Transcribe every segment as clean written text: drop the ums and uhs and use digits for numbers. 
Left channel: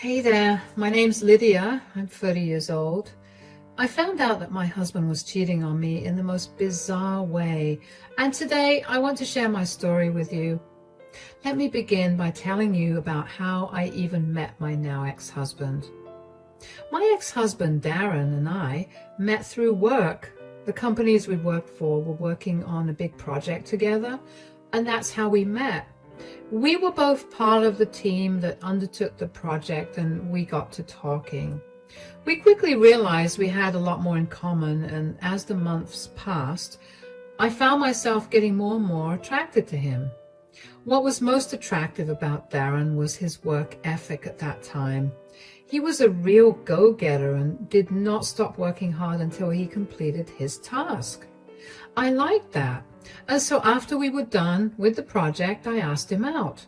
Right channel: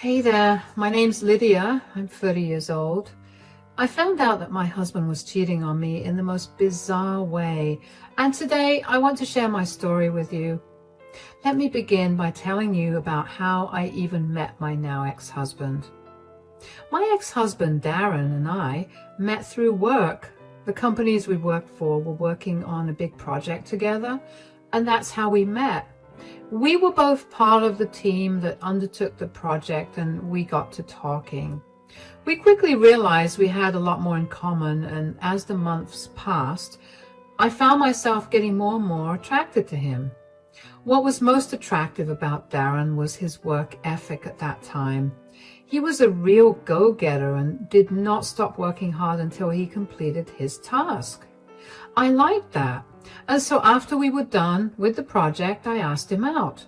Hey there, my name's Lydia. I'm 30 years old. I found out that my husband was cheating on me in the most bizarre way, and today I want to share my story with you. Let me begin by telling you about how I even met my now ex-husband. My ex-husband, Darren, and I met through work. The companies we worked for were working on a big project together, and that's how we met. We were both part of the team that undertook the project, and we got to talking. We quickly realized we had a lot more in common, and as the months passed, I found myself getting more and more attracted to him. What was most attractive about Darren was his work ethic at that time. He was a real go-getter and did not stop working hard until he completed his task. I liked that. And so after we were done with the project, I asked him out.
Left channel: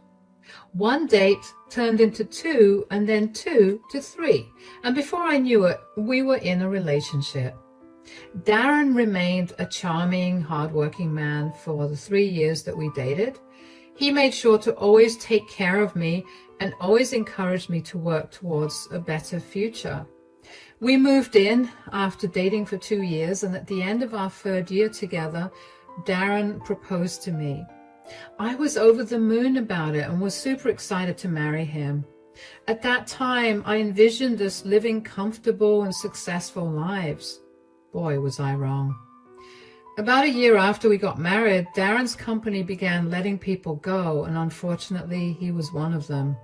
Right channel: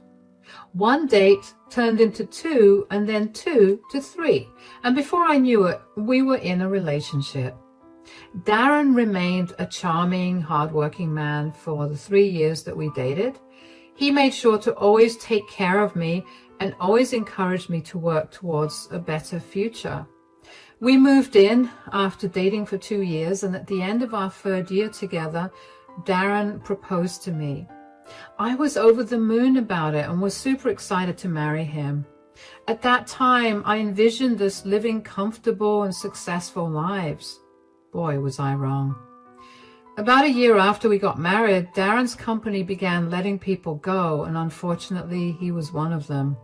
One date turned into two, and then two to three. And before I knew it, we were in a relationship. Darren remained a charming, hardworking man for the 3 years that we dated. He made sure to always take care of me and always encouraged me to work towards a better future. We moved in after dating for 2 years, and at the end of our third year together, Darren proposed to me. I was over the moon about it and was super excited to marry him. At that time, I envisioned us living comfortable and successful lives. Boy, was I wrong. About a year after we got married, Darren's company began letting people go, and unfortunately, he was one of them.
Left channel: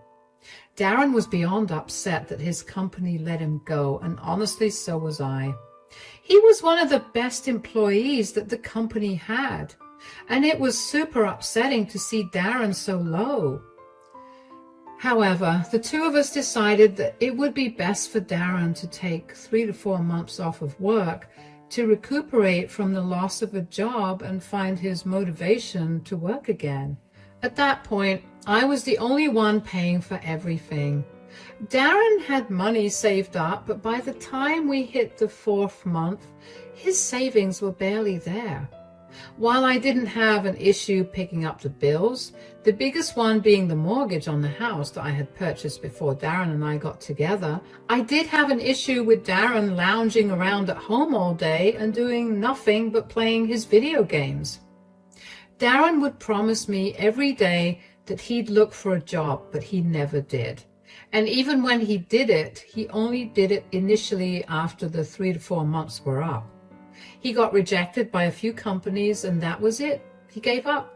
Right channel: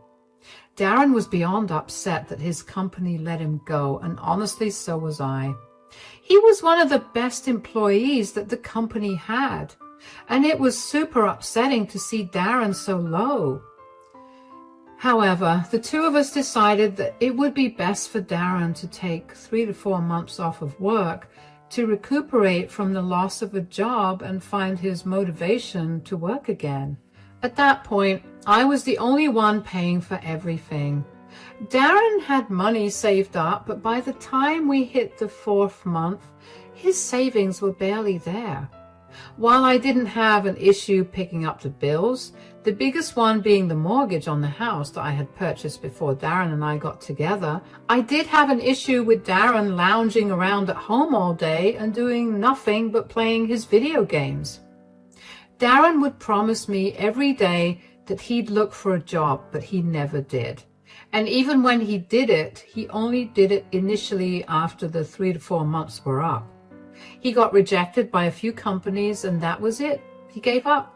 Darren was beyond upset that his company let him go, and honestly, so was I. He was one of the best employees that the company had, and it was super upsetting to see Darren so low. However, the two of us decided that it would be best for Darren to take 3 to 4 months off of work to recuperate from the loss of a job and find his motivation to work again. At that point, I was the only one paying for everything. Darren had money saved up, but by the time we hit the 4th month, his savings were barely there. While I didn't have an issue picking up the bills, the biggest one being the mortgage on the house that I had purchased before Darren and I got together, I did have an issue with Darren lounging around at home all day and doing nothing but playing his video games. Darren would promise me every day that he'd look for a job, but he never did. And even when he did it, he only did it initially after the 3 to 4 months were up. He got rejected by a few companies, and that was it. He gave up.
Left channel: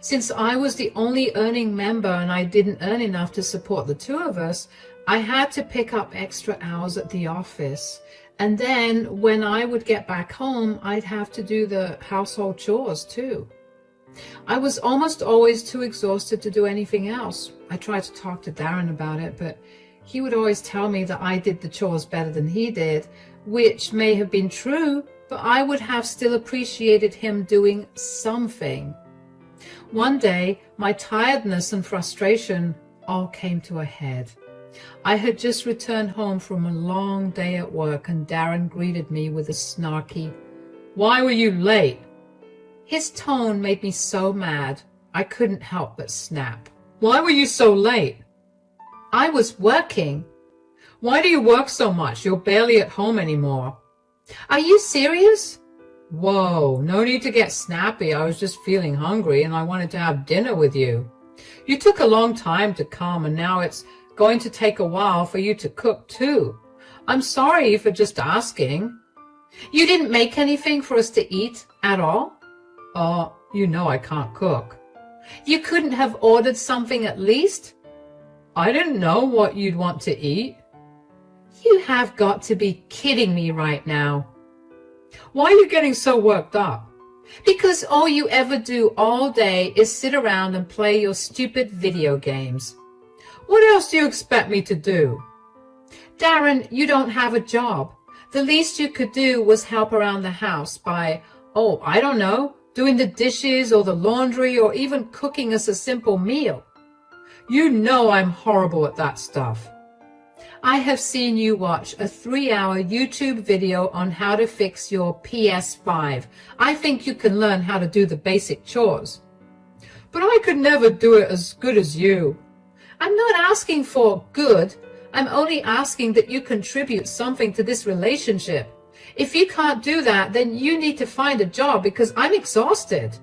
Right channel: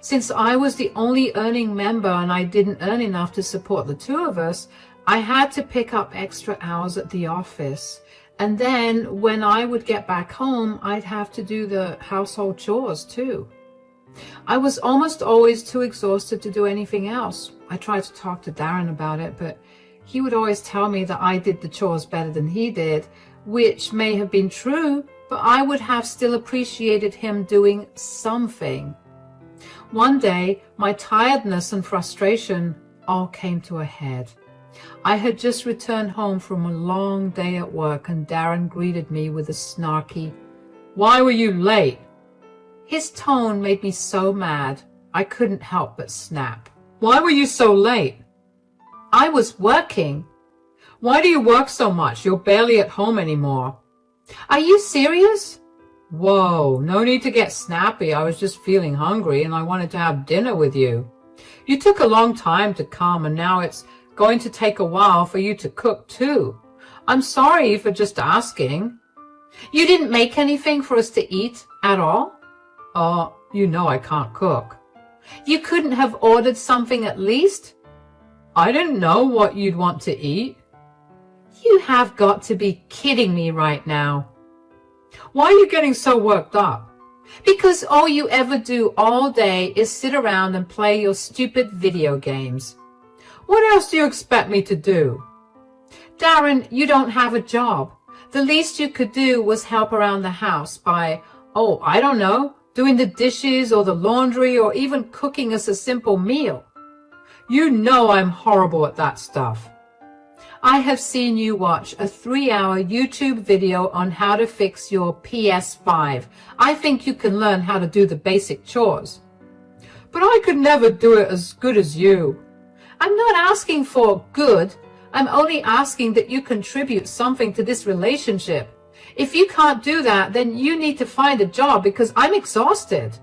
Since I was the only earning member and I didn't earn enough to support the two of us, I had to pick up extra hours at the office. And then when I would get back home, I'd have to do the household chores too. I was almost always too exhausted to do anything else. I tried to talk to Darren about it, but he would always tell me that I did the chores better than he did, which may have been true, but I would have still appreciated him doing something. One day, my tiredness and frustration all came to a head. I had just returned home from a long day at work, and Darren greeted me with a snarky, "Why were you late?" His tone made me so mad, I couldn't help but snap. "Why were you so late?" "I was working." "Why do you work so much? You're barely at home anymore." "Are you serious?" "Whoa, no need to get snappy. I was just feeling hungry and I wanted to have dinner with you. You took a long time to come, and now it's going to take a while for you to cook too. I'm sorry for just asking." "You didn't make anything for us to eat at all?" You know I can't cook." "You couldn't have ordered something at least?" "I didn't know what you'd want to eat." "You have got to be kidding me right now." "Why are you getting so worked up?" "Because all you ever do all day is sit around and play your stupid video games." "What else do you expect me to do?" "Darren, you don't have a job. The least you could do was help around the house by, I don't know, doing the dishes or the laundry or even cooking us a simple meal." "You know I'm horrible at that stuff." "I have seen you watch a 3-hour YouTube video on how to fix your PS5. I think you can learn how to do the basic chores." "But I could never do it as good as you." "I'm not asking for good. I'm only asking that you contribute something to this relationship. If you can't do that, then you need to find a job because I'm exhausted.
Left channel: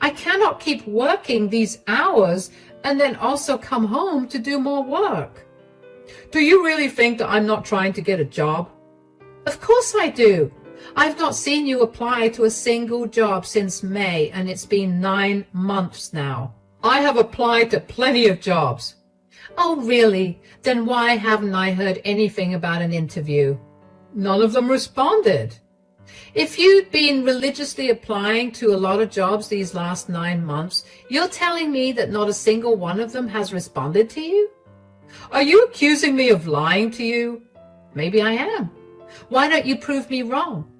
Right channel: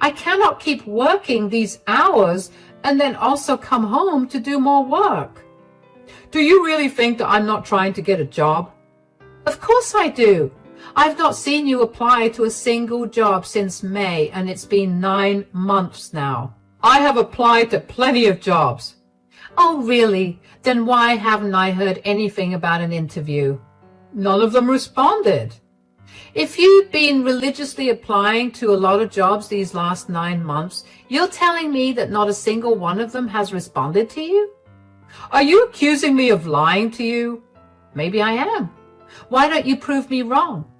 I cannot keep working these hours and then also come home to do more work. Do you really think that I'm not trying to get a job? Of course I do. I've not seen you apply to a single job since May, and it's been 9 months now. I have applied to plenty of jobs. Oh, really? Then why haven't I heard anything about an interview? None of them responded. If you'd been religiously applying to a lot of jobs these last 9 months, you're telling me that not a single one of them has responded to you? Are you accusing me of lying to you? Maybe I am. Why don't you prove me wrong?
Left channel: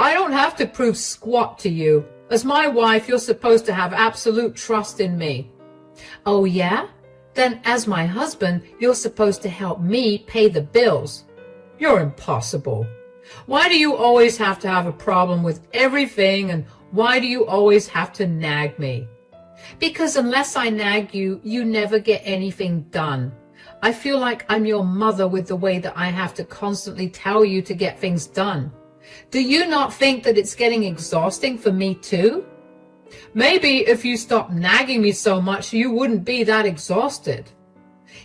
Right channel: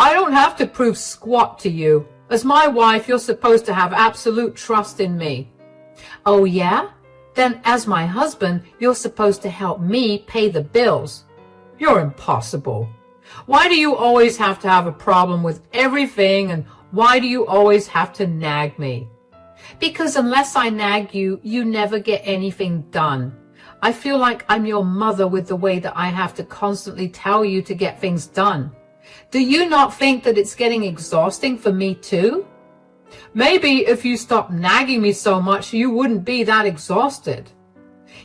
I don't have to prove squat to you. As my wife, you're supposed to have absolute trust in me. Oh, yeah? Then as my husband, you're supposed to help me pay the bills. You're impossible. Why do you always have to have a problem with everything, and why do you always have to nag me? Because unless I nag you, you never get anything done. I feel like I'm your mother with the way that I have to constantly tell you to get things done. Do you not think that it's getting exhausting for me too? Maybe if you stopped nagging me so much, you wouldn't be that exhausted.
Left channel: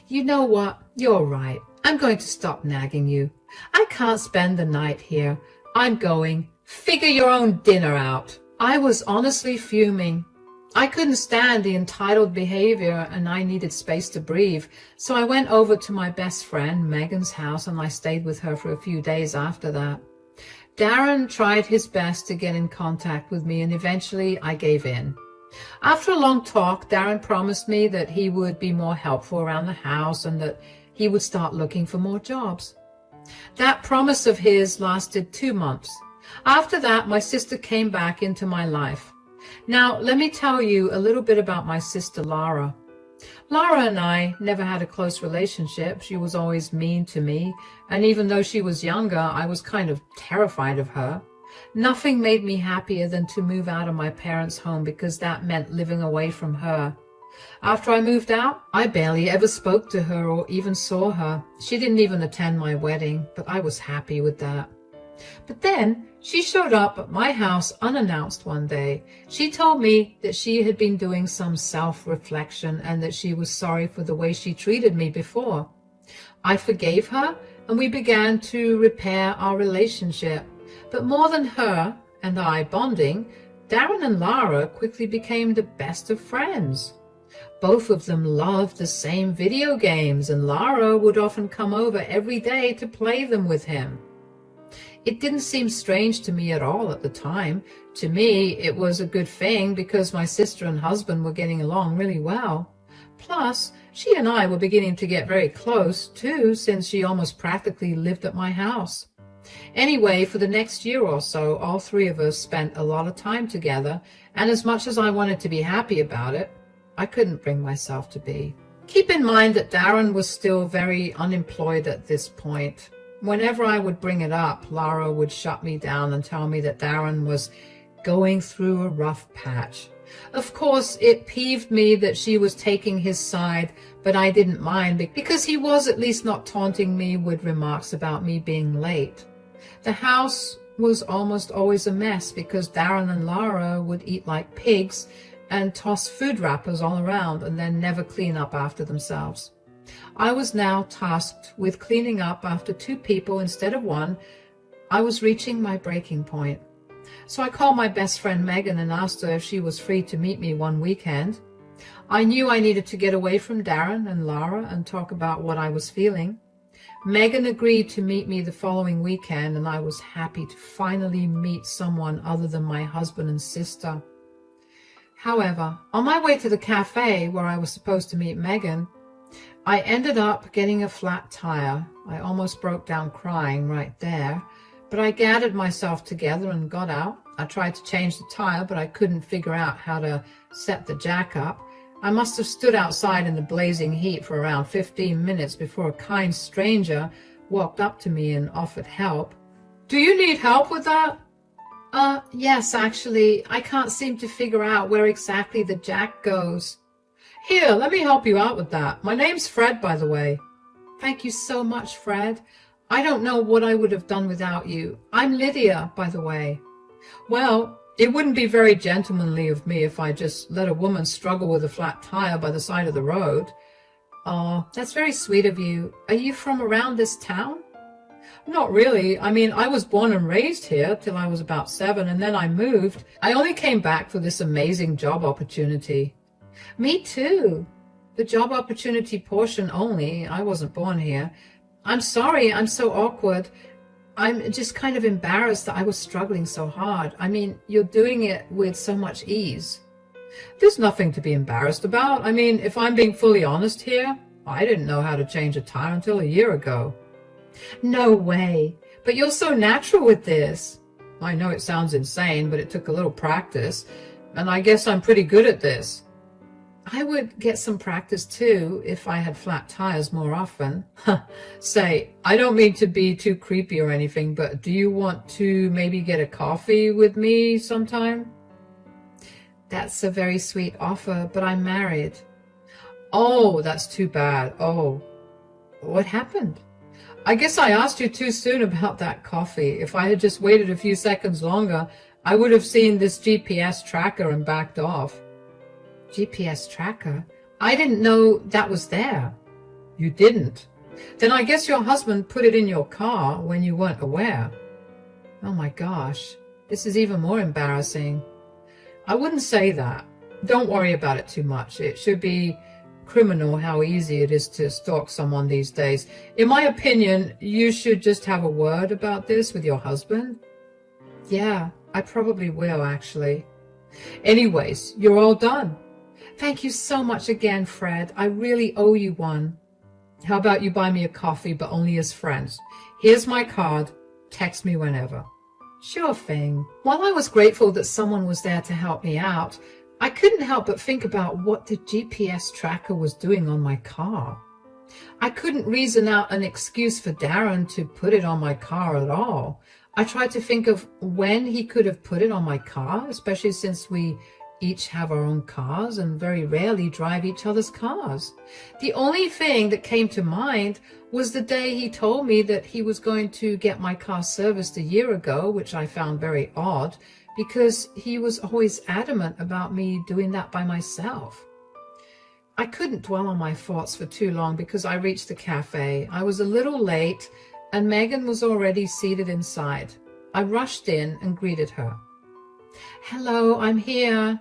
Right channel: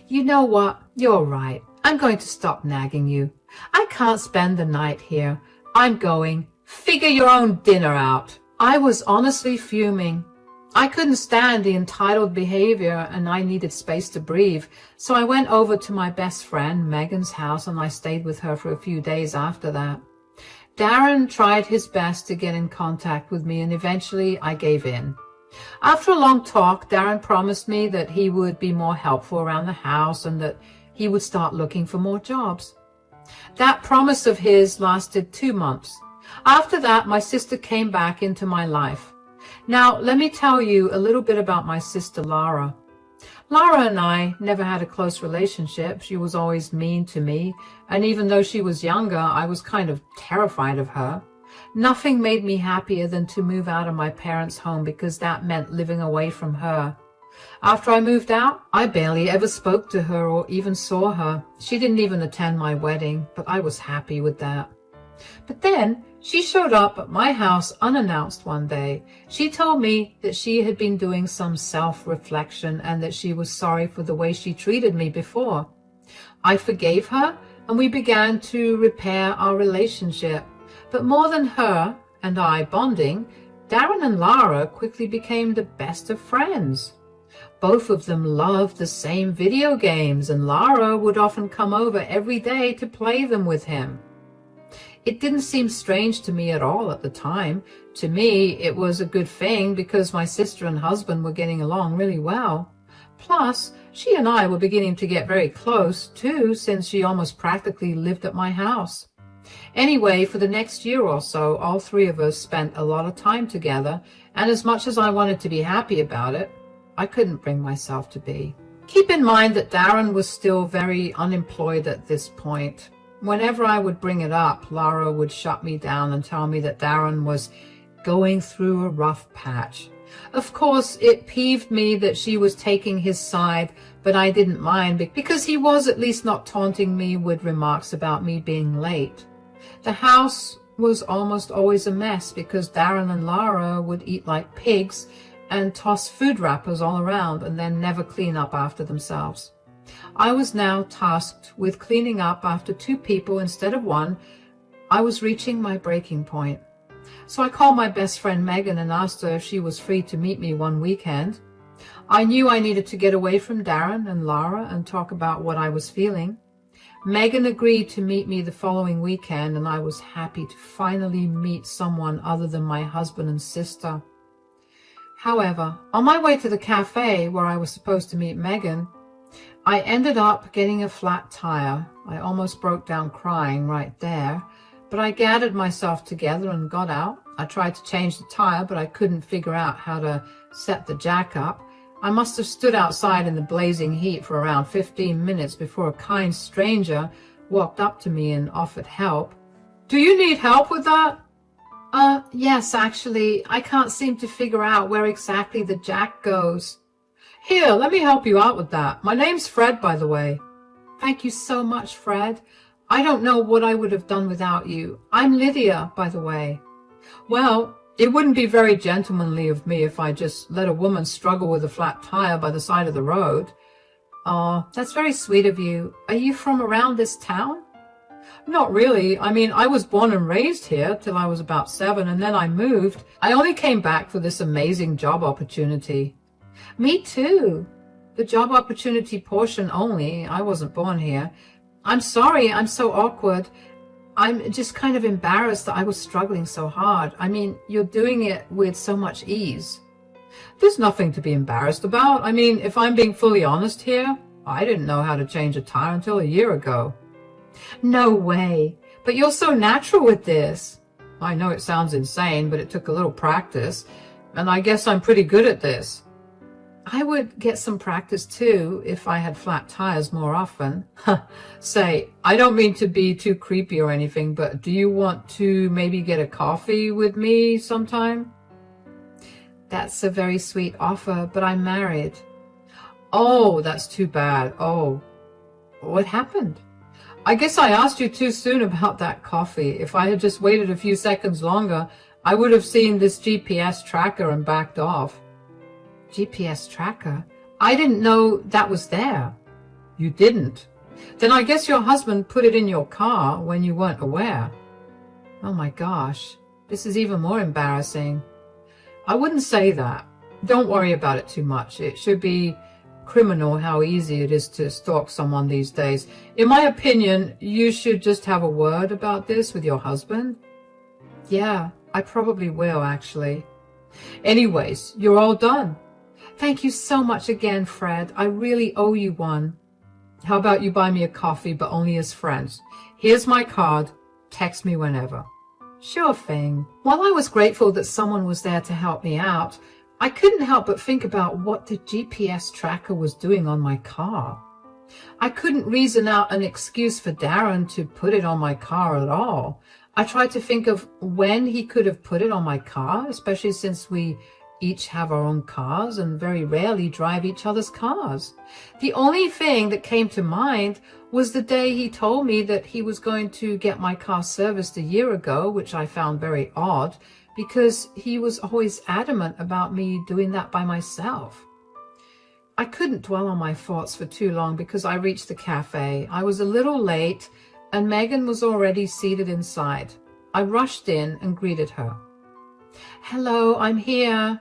You know what? You're right. I'm going to stop nagging you. I can't spend the night here. I'm going. Figure your own dinner out. I was honestly fuming. I couldn't stand the entitled behavior and I needed space to breathe. So I went over to my best friend Megan's house and I stayed with her for a few days after that. Darren tried his best to get in contact with me and eventually I gave in. After a long talk, Darren promised me that he would be more helpful around the house and that he would start looking for more jobs. That promise of his lasted 2 months. After that, my sister came back into my life. Now, let me tell you a little bit about my sister Lara. Lara and I never had a close relationship. She was always mean to me, and even though she was younger, I was kind of terrified of her. Nothing made me happier than to move out of my parents' home because that meant living away from her. After I moved out, I barely ever spoke to her or even saw her. She didn't even attend my wedding, but I was happy with that. But then she showed up at my house unannounced one day. She told me that she had been doing some self-reflection and that she was sorry for the way she treated me before. I forgave her and we began to repair our relationship. But more than her and I bonding, Darren and Lara quickly became the best of friends. Both of them loved the same video games and Lara would often come over every day to play them with him. It didn't seem strange to me at all at the time. To me, it was a good thing because my sister and husband were getting along really well. Plus, she and I were beginning to get very close too, since she almost practically lived at my house. Anyway, for the next year or so, all three of us spent a lot of time together, and as much as I wanted to be happy about it, I couldn't bring myself to be. Keep in mind that Darren was still very unemployed at this point. Whenever I would bring it up, Lara would shut me down and tell me that Darren was going through a rough patch. Of course, it peeved me that she was taking his side, but I didn't mind because he was at least not taunting me with remarks about me being late. The house was almost always a mess because Darren and Lara would eat like pigs and toss food wrappers all around and then never clean up after themselves. I was now tasked with cleaning up after 2 people instead of 1. I was reaching my breaking point. So I called my best friend Megan and asked her if she was free to meet me one weekend. I knew I needed to get away from Darren and Lara and talk about what I was feeling. Megan agreed to meet me the following weekend, and I was happy to finally meet someone other than my husband and sister. However, on my way to the cafe where I was supposed to meet Megan, I ended up getting a flat tire. I almost broke down crying right there, but I gathered myself together and got out. I tried to change the tire, but I couldn't figure out how to set the jack up. I must have stood outside in the blazing heat for around 15 minutes before a kind stranger walked up to me and offered help. "Do you need help with that?" Yes, actually. I can't seem to figure out where exactly the jack goes." "Here, let me help you out with that. My name's Fred, by the way." Thank you so much, Fred. I don't know what I would have done without you. I'm Lydia, by the way. Well, it wouldn't be very gentlemanly of me if I just let a woman struggle with a flat tire by the side of the road. Oh, that's very sweet of you. Are you from around this town? Not really. I mean, I was born and raised here till I was about 7, and then I moved. I only came back for this amazing job opportunity. Me too. The job opportunity portion only. I wasn't born here. I'm sorry, I'm so awkward. I'm just kind of embarrassed that I was struggling so hard. I mean, you're doing it with so much ease. There's nothing to be embarrassed about. I mean, if I'm being fully honest here, I didn't know how to change a tire until a year ago. No way. But you're so natural with this. I know it sounds insane, but it took a little practice, and I guess I'm pretty good at this. I would get some practice too if I had flat tires more often. Say, I don't mean to be too creepy or anything, but do you want to maybe get a coffee with me sometime? That's a very sweet offer, but I'm married. Oh, that's too bad. Oh, what happened? I guess I asked you too soon about that coffee. If I had just waited a few seconds longer, I would have seen this GPS tracker and backed off. GPS tracker? I didn't know that was there. You didn't? Then I guess your husband put it in your car when you weren't aware. Oh my gosh, this is even more embarrassing. I wouldn't say that. Don't worry about it too much. It should be criminal how easy it is to stalk someone these days. In my opinion, you should just have a word about this with your husband. Yeah, I probably will, actually. Anyways, you're all done. Thank you so much again, Fred. I really owe you one. How about you buy me a coffee, but only as friends? Here's my card. Text me whenever. Sure thing. While I was grateful that someone was there to help me out, I couldn't help but think about what the GPS tracker was doing on my car. I couldn't reason out an excuse for Darren to put it on my car at all. I tried to think of when he could have put it on my car, especially since we each have our own cars and very rarely drive each other's cars. The only thing that came to mind was the day he told me that he was going to get my car serviced a year ago, which I found very odd because he was always adamant about me doing that by myself. I couldn't dwell on my thoughts for too long because I reached the cafe. I was a little late and Megan was already seated inside. I rushed in and greeted her. Hello, I'm here.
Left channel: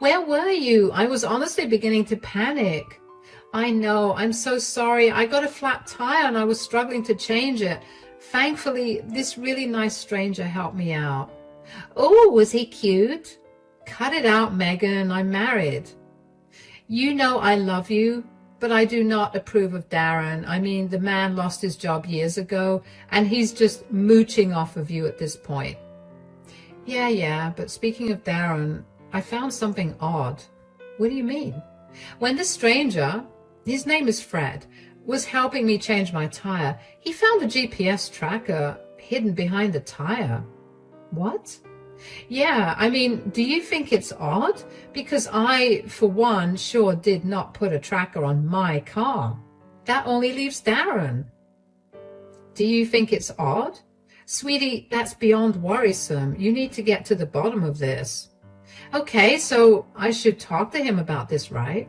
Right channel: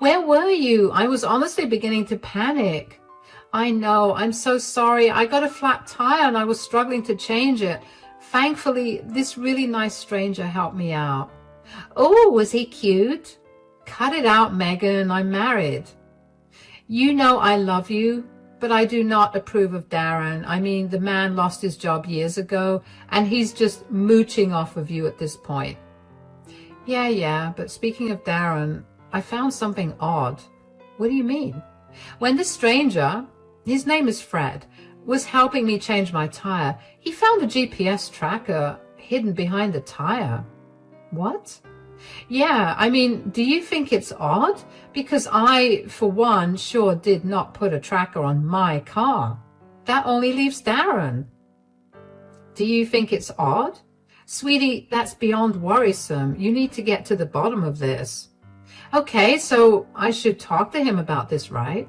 Where were you? I was honestly beginning to panic. I know, I'm so sorry. I got a flat tire and I was struggling to change it. Thankfully, this really nice stranger helped me out. Oh, was he cute? Cut it out, Megan. I'm married. You know I love you, but I do not approve of Darren. I mean, the man lost his job years ago, and he's just mooching off of you at this point. Yeah, but speaking of Darren, I found something odd. What do you mean? When the stranger, his name is Fred, was helping me change my tire, he found a GPS tracker hidden behind the tire. What? Yeah, I mean, do you think it's odd? Because I, for one, sure did not put a tracker on my car. That only leaves Darren. Do you think it's odd? Sweetie, that's beyond worrisome. You need to get to the bottom of this. Okay, so I should talk to him about this, right?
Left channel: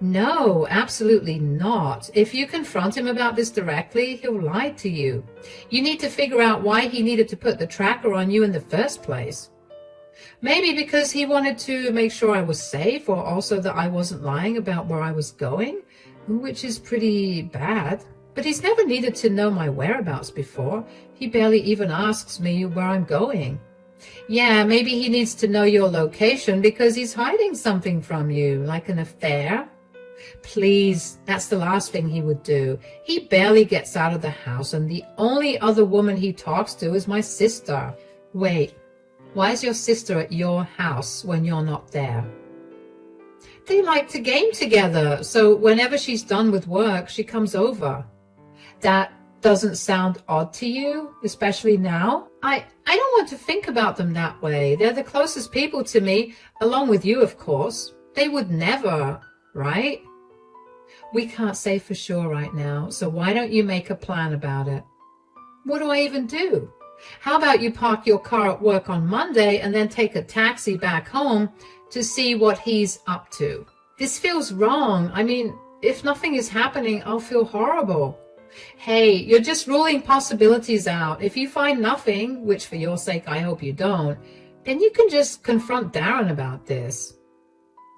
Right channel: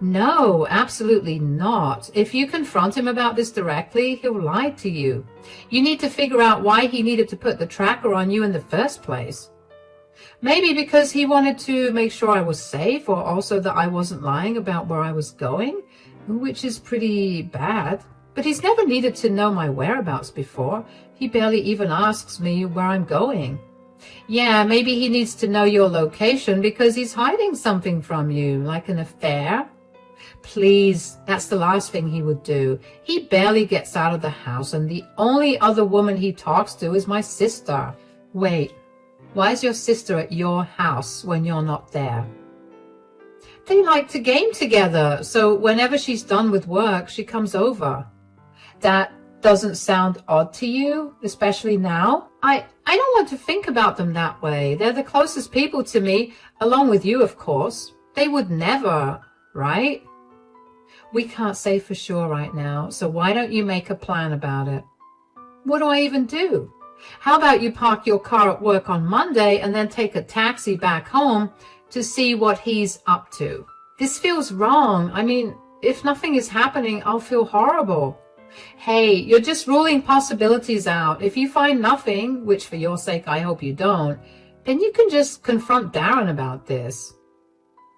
No, absolutely not. If you confront him about this directly, he'll lie to you. You need to figure out why he needed to put the tracker on you in the first place. Maybe because he wanted to make sure I was safe, or also that I wasn't lying about where I was going, which is pretty bad. But he's never needed to know my whereabouts before. He barely even asks me where I'm going. Yeah, maybe he needs to know your location because he's hiding something from you, like an affair. Please, that's the last thing he would do. He barely gets out of the house, and the only other woman he talks to is my sister. Wait, why is your sister at your house when you're not there? They like to game together, so whenever she's done with work, she comes over. That doesn't sound odd to you, especially now? I don't want to think about them that way. They're the closest people to me, along with you, of course. They would never, right? We can't say for sure right now, so why don't you make a plan about it? What do I even do? How about you park your car at work on Monday and then take a taxi back home to see what he's up to? This feels wrong. I mean, if nothing is happening, I'll feel horrible. Hey, you're just ruling possibilities out. If you find nothing, which for your sake I hope you don't, then you can just confront Darren about this.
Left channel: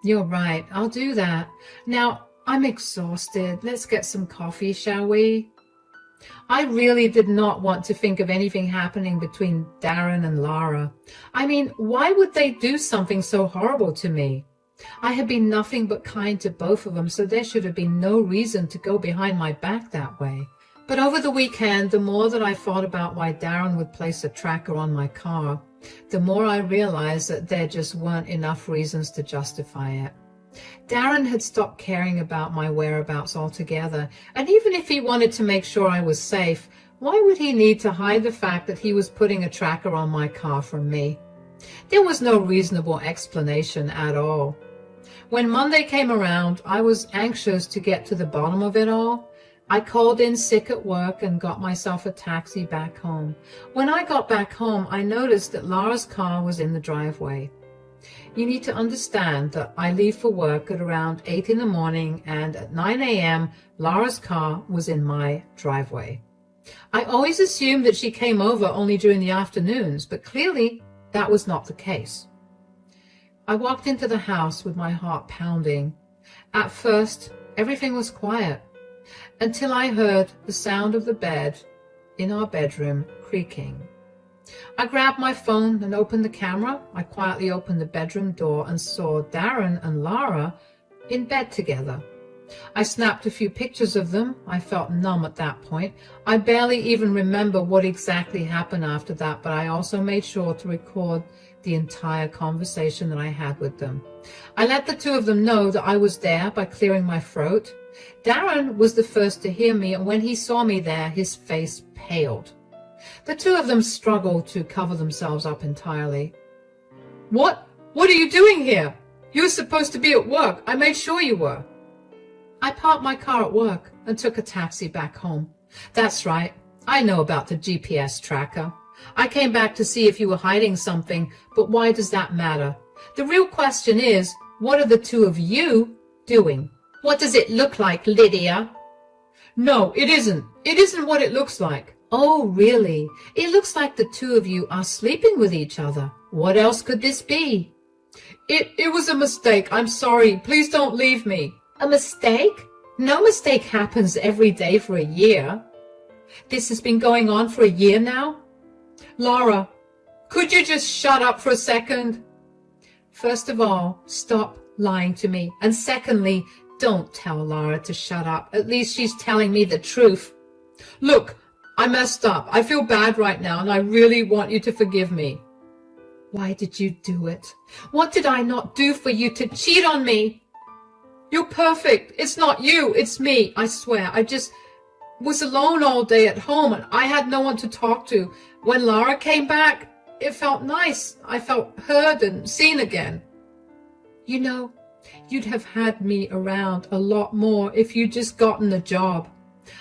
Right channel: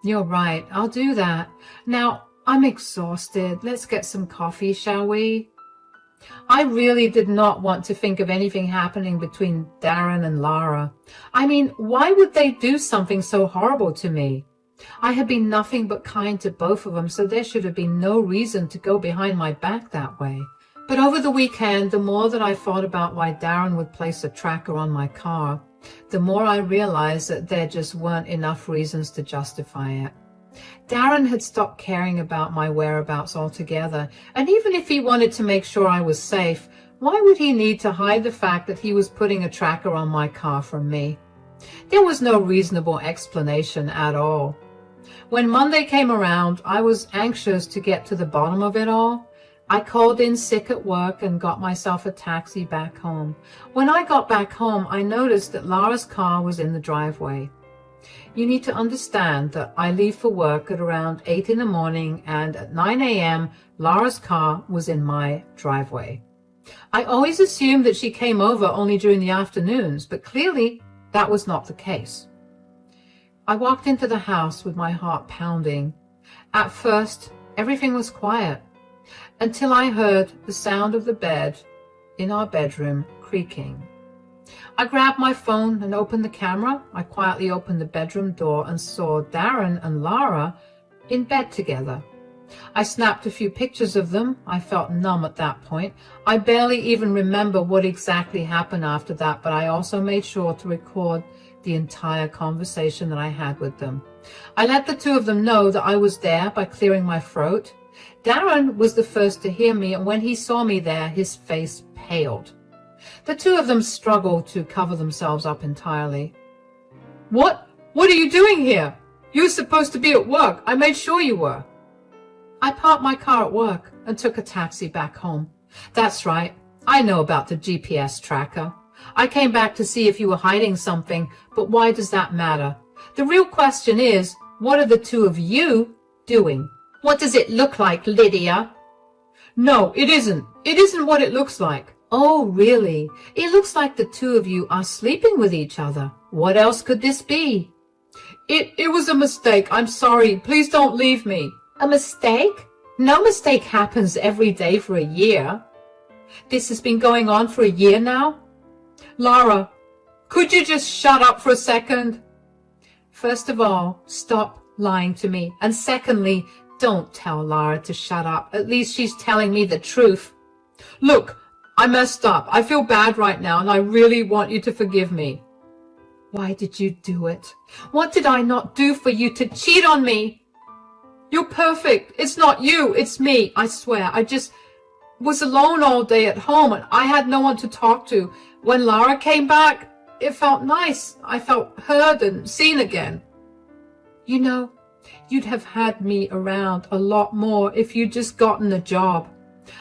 You're right. I'll do that. Now, I'm exhausted. Let's get some coffee, shall we? I really did not want to think of anything happening between Darren and Lara. I mean, why would they do something so horrible to me? I had been nothing but kind to both of them, so there should have been no reason to go behind my back that way. But over the weekend, the more that I thought about why Darren would place a tracker on my car, the more I realized that there just weren't enough reasons to justify it. Darren had stopped caring about my whereabouts altogether, and even if he wanted to make sure I was safe, why would he need to hide the fact that he was putting a tracker on my car from me? There was no reasonable explanation at all. When Monday came around, I was anxious to get to the bottom of it all. I called in sick at work and got myself a taxi back home. When I got back home, I noticed that Lara's car was in the driveway. You need to understand that I leave for work at around 8 in the morning, and at 9 a.m., Lara's car was in my driveway. I always assumed that she came over only during the afternoons, but clearly that was not the case. I walked into the house with my heart pounding. At first, everything was quiet, until I heard the sound of the bed in our bedroom creaking. I grabbed my phone and opened the camera. I quietly opened the bedroom door and saw Darren and Lara in bed together. I snapped a few pictures of them. I felt numb at that point. I barely even remember what exactly happened after that, but I also made sure to record the entire conversation that I had with them. I let the two of them know that I was there by clearing my throat. Darren was the first to hear me, and when he saw me there, his face paled. The two of them struggled to cover themselves up entirely. What are you doing here? You were supposed to be at work. I made sure you were. I parked my car at work and took a taxi back home. That's right. I know about the GPS tracker. I came back to see if you were hiding something, but why does that matter? The real question is, what are the two of you doing? What does it look like, Lydia? No, it isn't. It isn't what it looks like. Oh, really? It looks like the two of you are sleeping with each other. What else could this be? It was a mistake. I'm sorry. Please don't leave me. A mistake? No mistake happens every day for a year. This has been going on for a year now? Lara, could you just shut up for a second? First of all, stop lying to me. And secondly, don't tell Lara to shut up. At least she's telling me the truth. Look, I messed up. I feel bad right now, and I really want you to forgive me. Why did you do it? What did I not do for you to cheat on me? You're perfect. It's not you. It's me. I swear. I just was alone all day at home, and I had no one to talk to. When Lara came back, it felt nice. I felt heard and seen again. You know, you'd have had me around a lot more if you'd just gotten a job.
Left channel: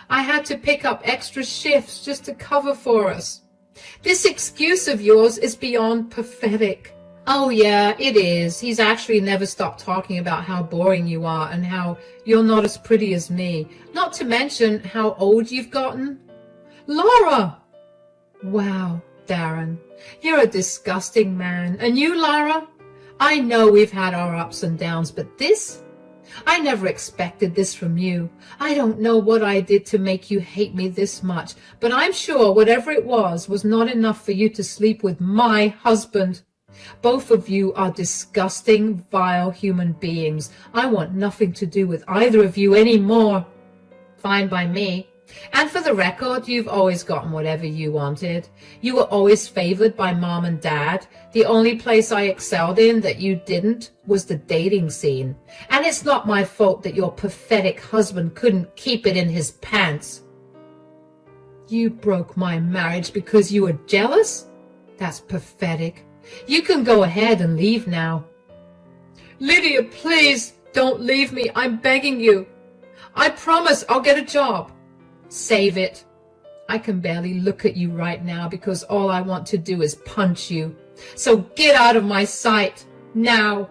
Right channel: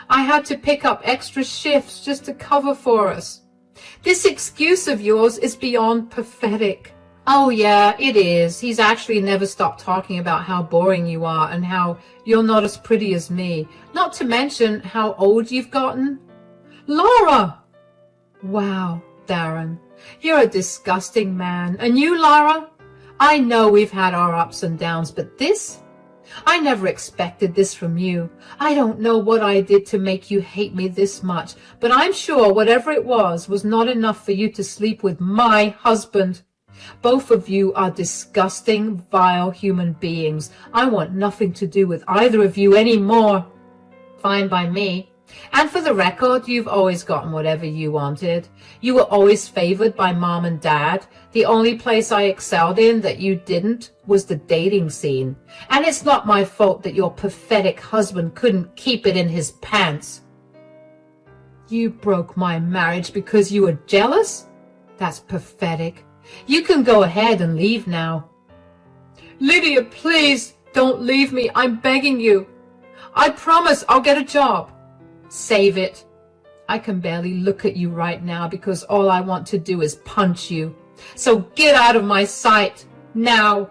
I had to pick up extra shifts just to cover for us. This excuse of yours is beyond pathetic. Oh yeah, it is. He's actually never stopped talking about how boring you are and how you're not as pretty as me. Not to mention how old you've gotten. Laura! Wow, Darren, you're a disgusting man. And you, Lara? I know we've had our ups and downs, but this? I never expected this from you. I don't know what I did to make you hate me this much, but I'm sure whatever it was not enough for you to sleep with my husband. Both of you are disgusting, vile human beings. I want nothing to do with either of you anymore. Fine by me. And for the record, you've always gotten whatever you wanted. You were always favored by Mom and Dad. The only place I excelled in that you didn't was the dating scene. And it's not my fault that your pathetic husband couldn't keep it in his pants. You broke my marriage because you were jealous? That's pathetic. You can go ahead and leave now. Lydia, please don't leave me. I'm begging you. I promise I'll get a job. Save it. I can barely look at you right now because all I want to do is punch you. So get out of my sight, now.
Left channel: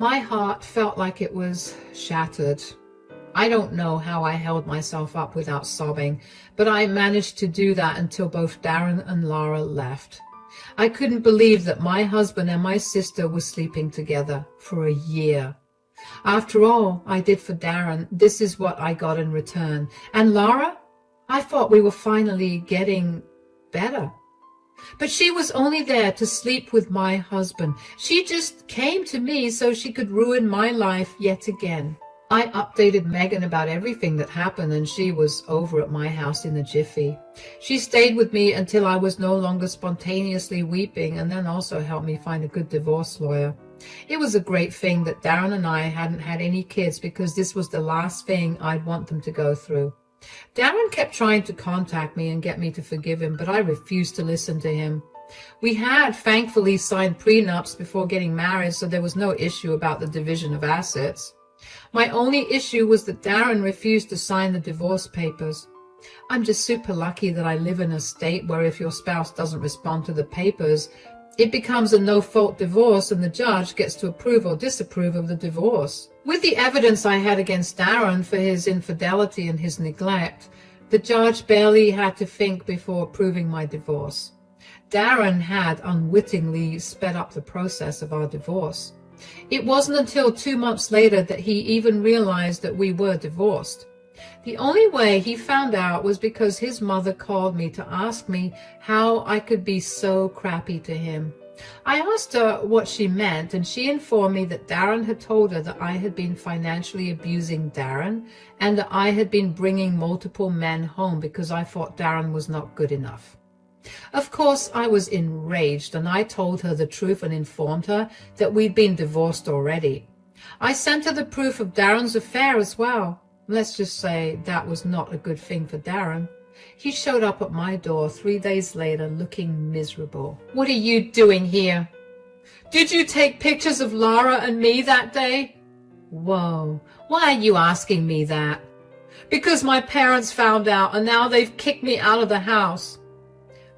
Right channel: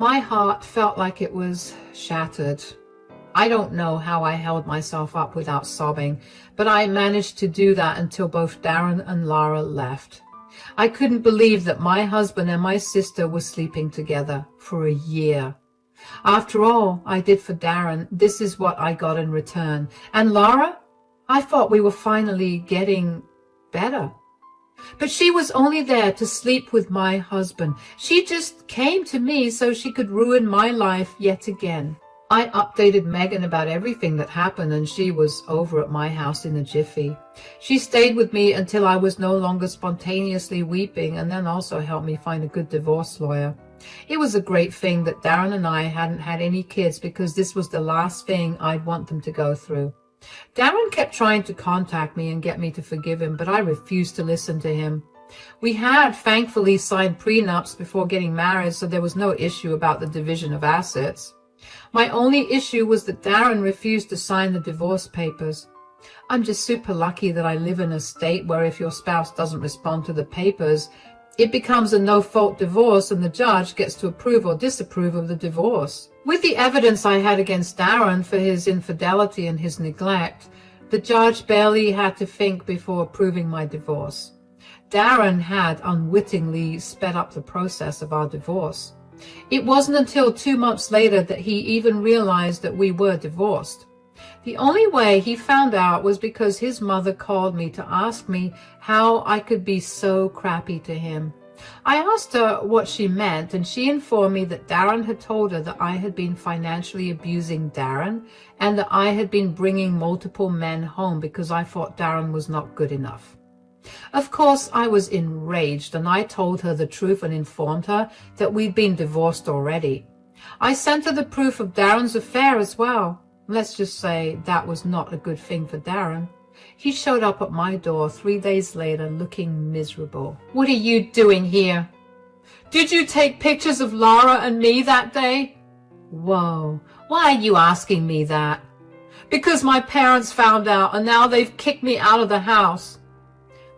My heart felt like it was shattered. I don't know how I held myself up without sobbing, but I managed to do that until both Darren and Lara left. I couldn't believe that my husband and my sister were sleeping together for a year. After all I did for Darren, this is what I got in return. And Lara? I thought we were finally getting better. But she was only there to sleep with my husband. She just came to me so she could ruin my life yet again. I updated Megan about everything that happened, and she was over at my house in a jiffy. She stayed with me until I was no longer spontaneously weeping, and then also helped me find a good divorce lawyer. It was a great thing that Darren and I hadn't had any kids, because this was the last thing I'd want them to go through. Darren kept trying to contact me and get me to forgive him, but I refused to listen to him. We had thankfully signed prenups before getting married, so there was no issue about the division of assets. My only issue was that Darren refused to sign the divorce papers. I'm just super lucky that I live in a state where if your spouse doesn't respond to the papers, it becomes a no-fault divorce and the judge gets to approve or disapprove of the divorce. With the evidence I had against Darren for his infidelity and his neglect, the judge barely had to think before approving my divorce. Darren had unwittingly sped up the process of our divorce. It wasn't until 2 months later that he even realized that we were divorced. The only way he found out was because his mother called me to ask me how I could be so crappy to him. I asked her what she meant, and she informed me that Darren had told her that I had been financially abusing Darren and that I had been bringing multiple men home because I thought Darren was not good enough. Of course, I was enraged, and I told her the truth and informed her that we'd been divorced already. I sent her the proof of Darren's affair as well. Let's just say that was not a good thing for Darren. He showed up at my door 3 days later looking miserable. What are you doing here? Did you take pictures of Lara and me that day? Whoa, why are you asking me that? Because my parents found out and now they've kicked me out of the house.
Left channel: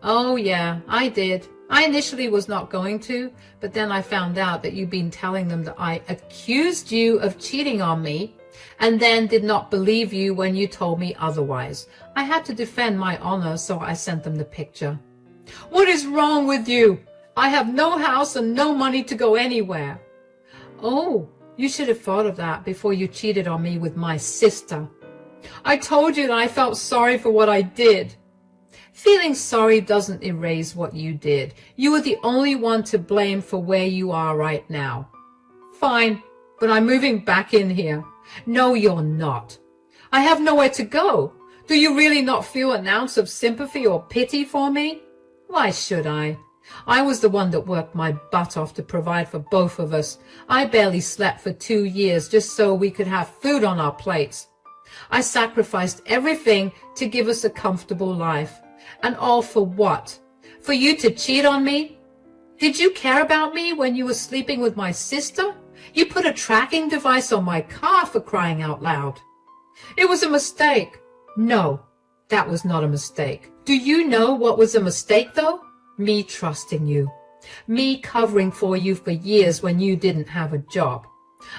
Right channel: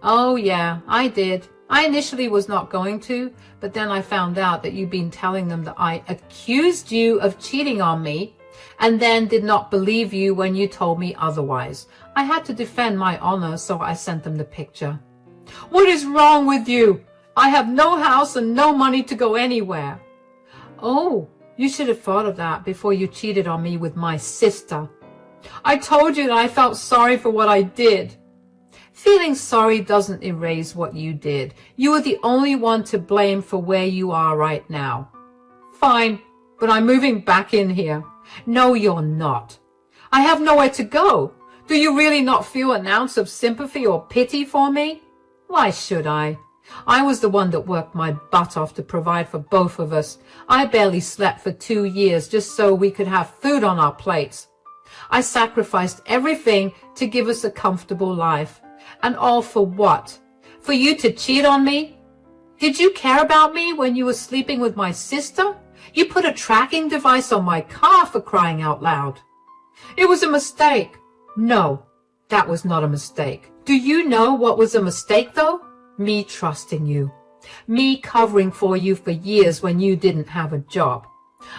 Oh yeah, I did. I initially was not going to, but then I found out that you'd been telling them that I accused you of cheating on me and then did not believe you when you told me otherwise. I had to defend my honor, so I sent them the picture. What is wrong with you? I have no house and no money to go anywhere. Oh, you should have thought of that before you cheated on me with my sister. I told you that I felt sorry for what I did. Feeling sorry doesn't erase what you did. You are the only one to blame for where you are right now. Fine, but I'm moving back in here. No, you're not. I have nowhere to go. Do you really not feel an ounce of sympathy or pity for me? Why should I? I was the one that worked my butt off to provide for both of us. I barely slept for 2 years just so we could have food on our plates. I sacrificed everything to give us a comfortable life. And all for what? For you to cheat on me? Did you care about me when you were sleeping with my sister? You put a tracking device on my car, for crying out loud. It was a mistake. No, that was not a mistake. Do you know what was a mistake, though? Me trusting you. Me covering for you for years when you didn't have a job.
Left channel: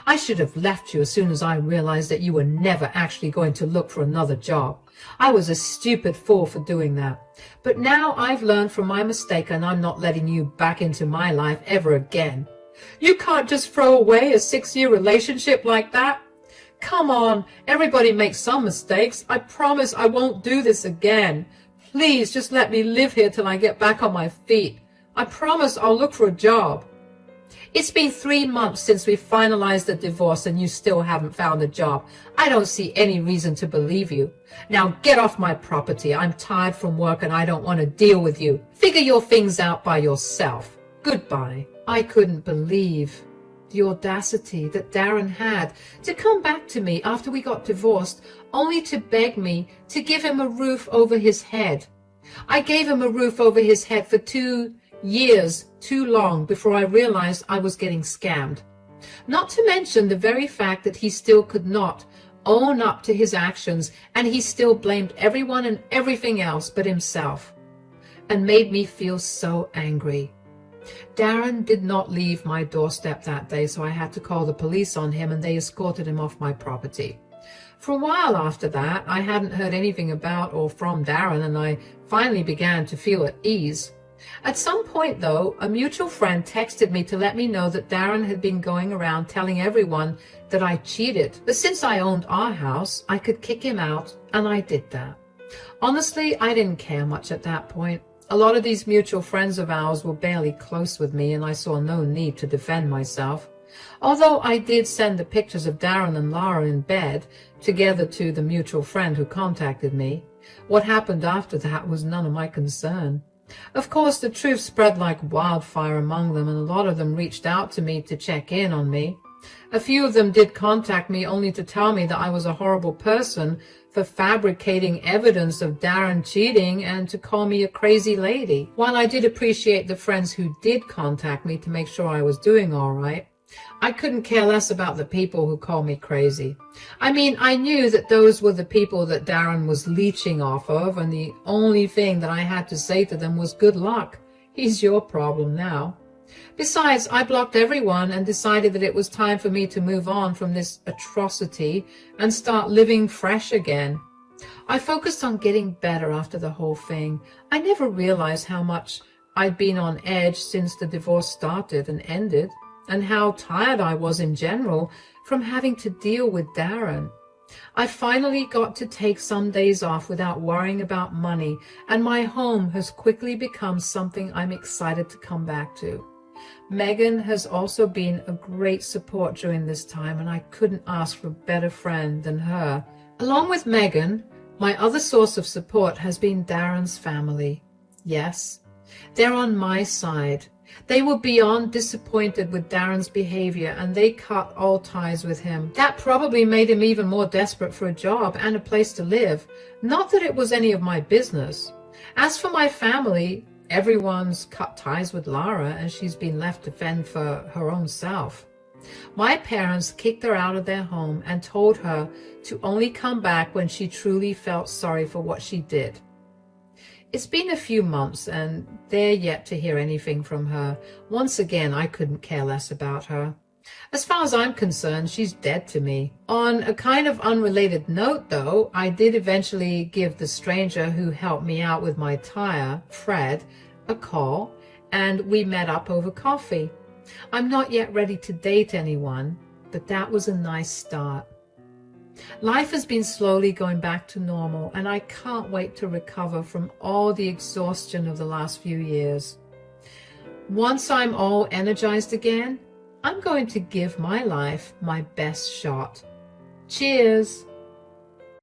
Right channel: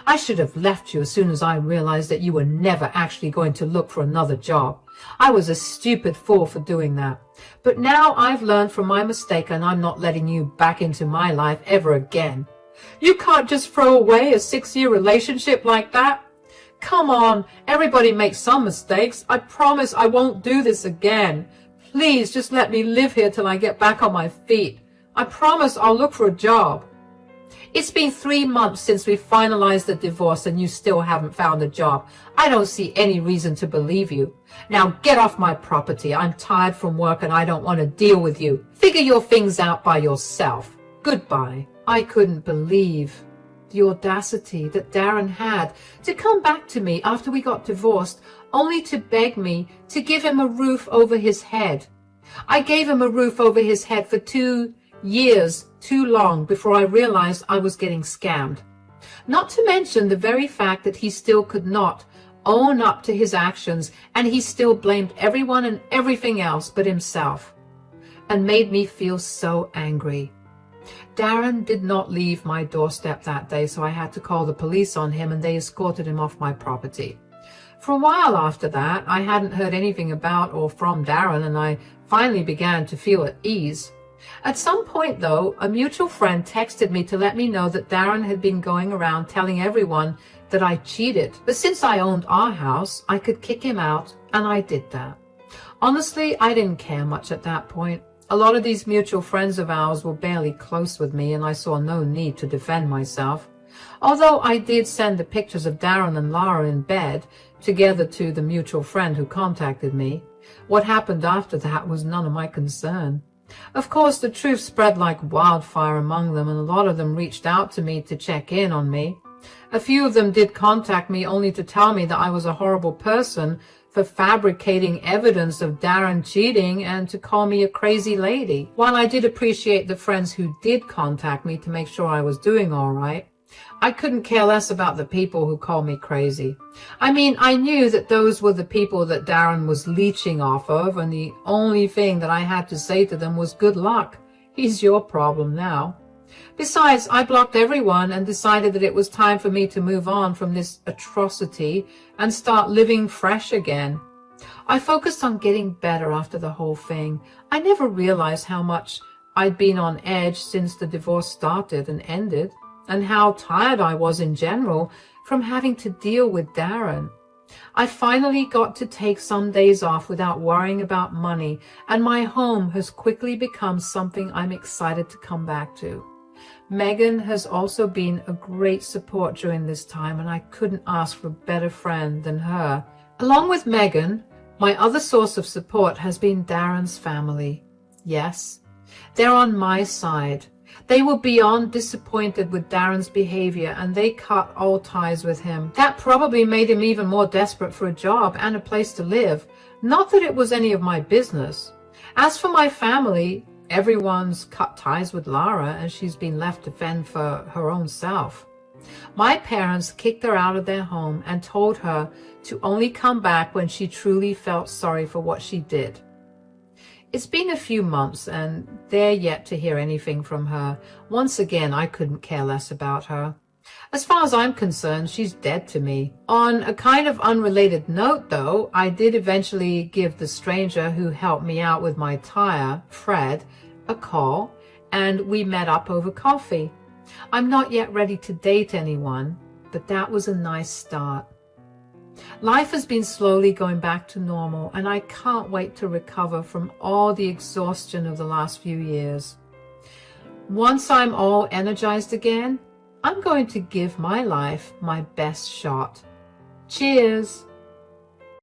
I should have left you as soon as I realized that you were never actually going to look for another job. I was a stupid fool for doing that. But now I've learned from my mistake, and I'm not letting you back into my life ever again. You can't just throw away a 6-year relationship like that. Come on, everybody makes some mistakes. I promise I won't do this again. Please just let me live here till I get back on my feet. I promise I'll look for a job. It's been 3 months since we finalized the divorce and you still haven't found a job. I don't see any reason to believe you. Now get off my property. I'm tired from work and I don't want to deal with you. Figure your things out by yourself. Goodbye. I couldn't believe the audacity that Darren had to come back to me after we got divorced, only to beg me to give him a roof over his head. I gave him a roof over his head for 2 years too long before I realized I was getting scammed. Not to mention the very fact that he still could not own up to his actions, and he still blamed everyone and everything else but himself, and made me feel so angry. Darren did not leave my doorstep that day, so I had to call the police on him, and they escorted him off my property. For a while after that, I hadn't heard anything about or from Darren, and I finally began to feel at ease. At some point, though, a mutual friend texted me to let me know that Darren had been going around telling everyone that I cheated. But since I owned our house, I could kick him out, and I did that. Honestly, I didn't care much at that point. A lot of these mutual friends of ours were barely close with me, and I saw no need to defend myself. Although I did send the pictures of Darren and Lara in bed together to the mutual friend who contacted me. What happened after that was none of my concern. Of course, the truth spread like wildfire among them, and a lot of them reached out to me to check in on me. A few of them did contact me only to tell me that I was a horrible person for fabricating evidence of Darren cheating and to call me a crazy lady. While I did appreciate the friends who did contact me to make sure I was doing all right, I couldn't care less about the people who called me crazy. I mean, I knew that those were the people that Darren was leeching off of, and the only thing that I had to say to them was good luck. He's your problem now. Besides, I blocked everyone and decided that it was time for me to move on from this atrocity and start living fresh again. I focused on getting better after the whole thing. I never realized how much I'd been on edge since the divorce started and ended, and how tired I was in general from having to deal with Darren. I finally got to take some days off without worrying about money, and my home has quickly become something I'm excited to come back to. Megan has also been a great support during this time, and I couldn't ask for a better friend than her. Along with Megan, my other source of support has been Darren's family. Yes, they're on my side. They were beyond disappointed with Darren's behavior, and they cut all ties with him. That probably made him even more desperate for a job and a place to live. Not that it was any of my business. As for my family, everyone's cut ties with Lara, and she's been left to fend for her own self. My parents kicked her out of their home and told her to only come back when she truly felt sorry for what she did. It's been a few months, and they're yet to hear anything from her. Once again, I couldn't care less about her. As far as I'm concerned, she's dead to me. On a kind of unrelated note, though, I did eventually give the stranger who helped me out with my tire, Fred, a call, and we met up over coffee. I'm not yet ready to date anyone, but that was a nice start. Life has been slowly going back to normal, and I can't wait to recover from all the exhaustion of the last few years. Once I'm all energized again, I'm going to give my life my best shot. Cheers!